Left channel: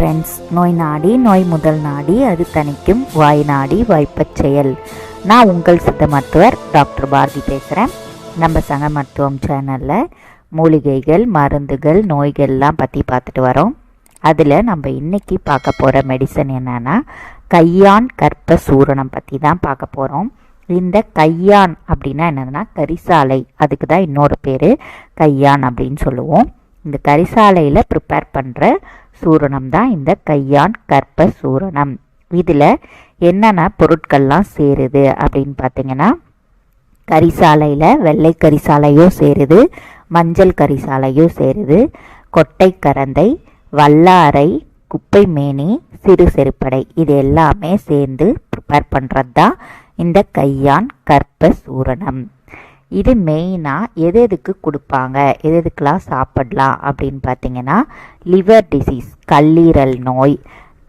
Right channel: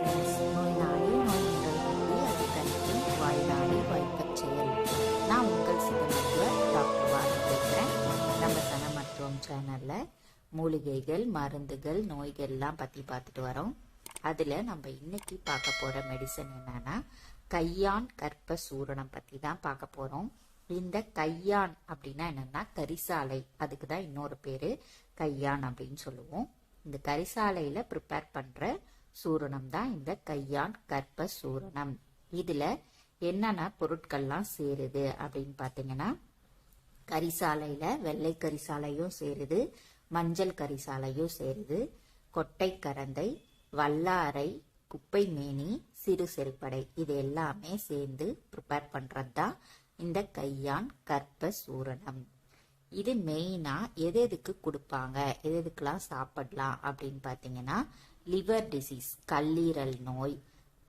Friends நோய் நாடி நோய் முதல் நாடி அது தணிக்கும் வாய் நாடி வாய்ப்பச் செயல். நான் உங்கள் சித்த மருத்துவர் டாக்டர் பாரதி பேசுகிறேன் நம்ம சங்க மருத்துவம் சேனலில் மூலிகைகள் மருந்துகள் நோய்கள்லாம் பற்றி பார்த்துட்டு வரோம். அதில் நம்ம இன்றைக்கி பார்க்க போகிற மெடிசன் என்னென்னா கையான் கற்ப சூரணம் பற்றி தான் பார்க்க போகிறோம் இந்த கையான் அப்படின்னா என்னதுன்னா கரிசாலை. அதுக்கு தான் இன்னொரு பேர் கையான் அப்படின்னு சொல்லுவோம். இந்த கரிசாலையில் ப்ரிப்பேர் பண்ணுற சூரணம் தான் இந்த கையான் கற்ப சூரணம். இதில் என்னென்ன பொருட்கள்லாம் சேருது அப்படின்னு பார்த்தீங்கன்னா கரிசாலையில் வெள்ளை கரிசாலையும் சேருது மஞ்சள் கரிசாலையும் சேருது கொட்டை கரந்தை வல்லாரை குப்பை மேனி சிறு செருப்படை இது எல்லாமே சேர்ந்து ப்ரிப்பேர் பண்ணுறது தான் இந்த கையான் கற்ப சூரணம். இது மெயினாக எது எதுக்கு கொடுப்பாங்க? எது எதுக்கெலாம் சாப்பிடலாம்? அப்படின்னு பார்த்தீங்கன்னா லிவர் டிசீஸ் கல்லீரல் நோய்.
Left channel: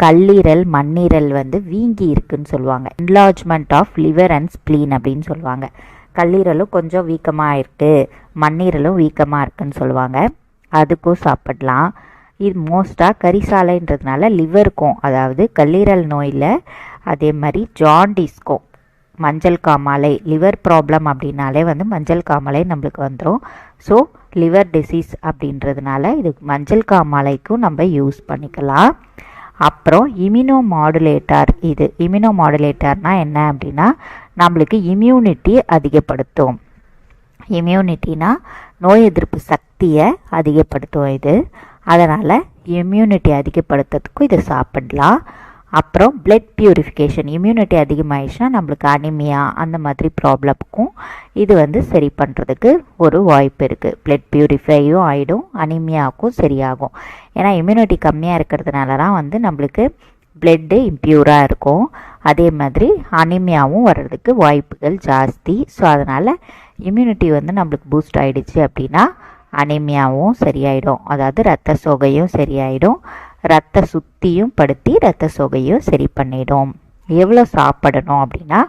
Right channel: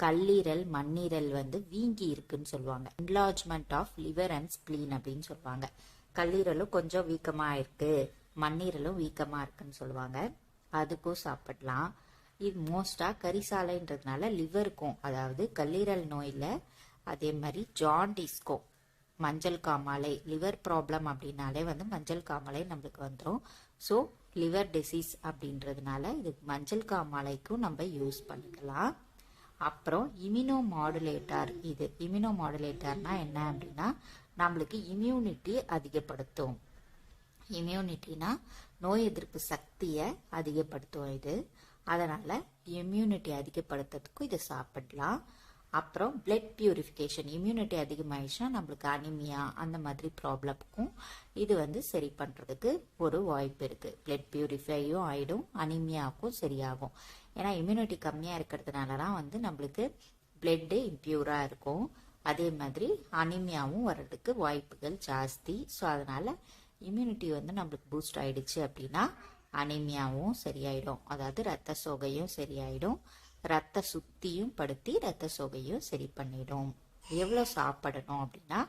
கல்லீரல் மண்ணீரல் வந்து வீங்கி இருக்குன்னு சொல்லுவாங்க. Enlargement of liver and spleen அப்படின்னு சொல்லுவாங்க. கல்லீரலும் கொஞ்சம் வீக்கமாக இருக்குது மண்ணீரலும் வீக்கமாக இருக்குன்னு சொல்லுவாங்க. அதுக்கும் சாப்பிடலாம். இது மோஸ்ட்டாக கரிசாலைன்றதுனால லிவருக்கும் அதாவது கல்லீரல் நோயில் அதே மாதிரி ஜாண்டிஸ்க்கும் மஞ்சள் காமாலை லிவர் ப்ராப்ளம் அப்படின்னாலே வந்து மஞ்சள் காமாலை நம்மளுக்கு வந்துடும் ஸோ லிவர் டிசீஸ் அப்படின்றதுனால இது மஞ்சள் காமாலைக்கும் நம்ம யூஸ் பண்ணிக்கலாம். அப்புறம் இம்யூனோ மாடுலேட்டர் இது இம்யூனோ மாடுலேட்டர்னால் என்ன அப்படின்னா நம்மளுக்கு இம்யூனிட்டி அதிகப்படுத்தும். இம்யூனிட்டினா நோய் எதிர்ப்பு சக்தியை அதிகப்படுத்தும் இது. அதனால் இம்யூனிட்டி அதிகப்படுத்துறதுக்கும் இதை சாப்பிடலாம். அப்புறம் பிளட் பியூரிஃபிகேஷன் இம்யூனிட்டி அதிகமாகிடுச்சுன்னா நம்மளுக்கு அனிமியா அந்த மாதிரி ப்ராப்ளம்க்கும் இது வந்து சரி பண்ணுறதுக்கு ஒரு வாய்ப்பு இருக்குது பிளட் பியூரிஃபையும் ஆகிடும் அனிமியாவுக்கும் சரியாகும். ஏன்னா இம்யூனிட்டி கம்மியாக இருக்கிறதுனால தான் வந்து நம்மளுக்கு பிளட்டு இம்ப்யூராக இருக்கும். அதே மாதிரி அனிமியாவும் வர்றதுக்கு வாய்ப்புகள் ஜாஸ்தி. ஸோ அதனால் இம்யூனிட்டி வந்து நம்மளுக்கு பூஸ்ட் ஆகிடுச்சு அப்படின்னா அனிமியாவும் சரியாயிடும். அதாவது ரத்த சோகையும் சரியாயிடும். ரத்த சுத்தியும் படுத்தி ரத்த சொகையும் சரி பண்ணிடும். எவ்வளோ சாப்பிடணும் அப்படின்னா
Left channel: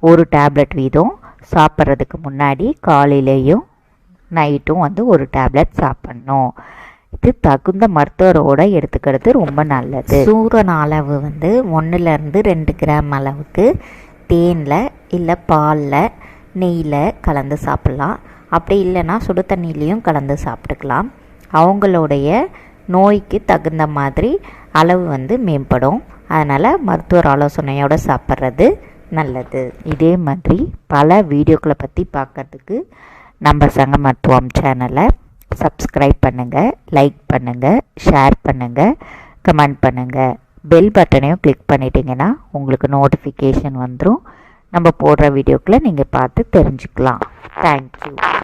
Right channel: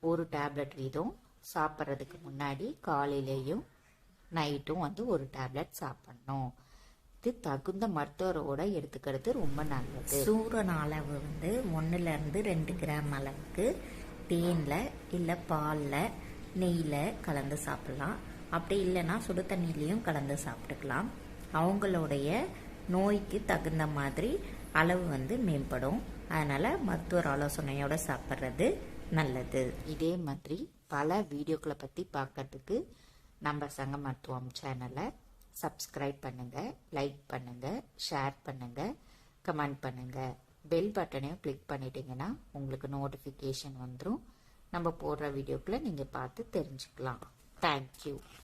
ஒரு டேப்லெட் வீதம் சாப்பிட்றதுக்கு முன்னாடி காலையிலேயும் நைட்டும் வந்து ஒரு டேப்லெட் சாப்பிட்ணும். இது தகுந்த மருத்துவரோட எடுத்துக்கிறது ரொம்ப நல்லது. சூரன் அளவு வந்து ஒன்றுலேருந்து ரெண்டு கிராம் அளவுக்கு தேனில் இல்லை பாலில் நெய்யில் கலந்து சாப்பிட்லாம். அப்படி இல்லைன்னா சுடு தண்ணியிலையும் கலந்து சாப்பிட்டுக்கலாம். அவங்களுடைய நோய்க்கு தகுந்த மாதிரி அளவு வந்து மேம்படும். அதனால் மருத்துவர் ஆலோசனையோடு சாப்பிட்றது நல்லது. இதே மாதிரி பல வீடியோக்களை பற்றி பார்க்குறதுக்கு நம்ம சங்க மருத்துவம் சேனலை சப்ஸ்கிரைப் பண்ணுங்கள் லைக் பண்ணுங்கள் ஷேர் பண்ணுங்கள் கமெண்ட் பண்ணுங்கள் பெல் பட்டனையும் கிளிக் பண்ணிட்டீங்கன்னா உங்களுக்கு நோட்டிஃபிகேஷன் வந்துடும் நம்ம போடுற வீடியோக்களை நீங்கள் பார்த்து தெரிஞ்சுக்கலாம். தேங்க்யூ